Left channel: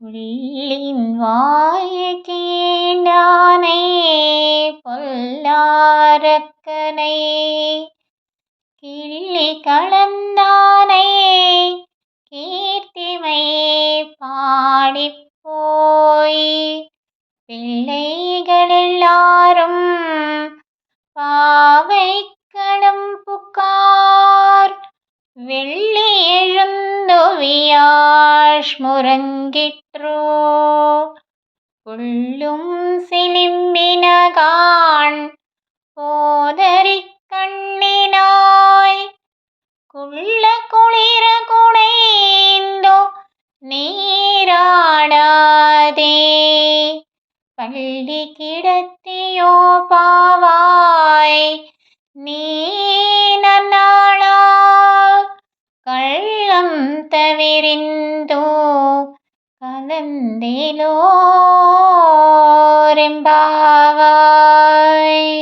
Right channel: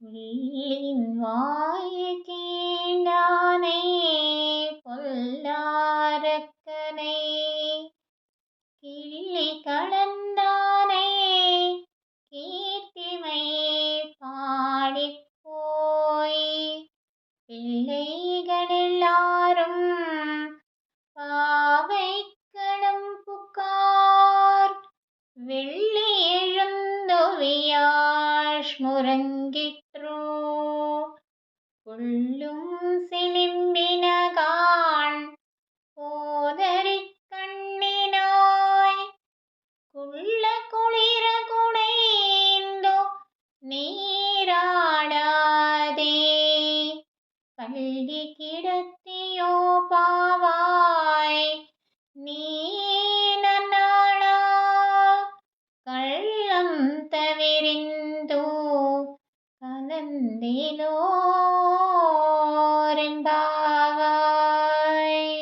புள்ளின் வாயைத் தீண்டானை பொல்லாரக்கனை கிள்ளி கலந்தானை கீர்த்திமை பாடிப் போய் பிள்ளைகள் எல்லாரும் பாவைக்கடம் புக்கார் வெள்ளி எழுந்துவியாழ் முரங்கிற்றோ புள்ளும் சிலிம்பினகான் போதரிக் கண்ணினாய் குள்ள குளிர குடைந்தோ நீராடாதே பள்ளி கிடத்தியோ பாவாய் நீ நன்னாளா கள்ளம் தவிரிந்தோ கலந்திலோரெம்பாவாய்.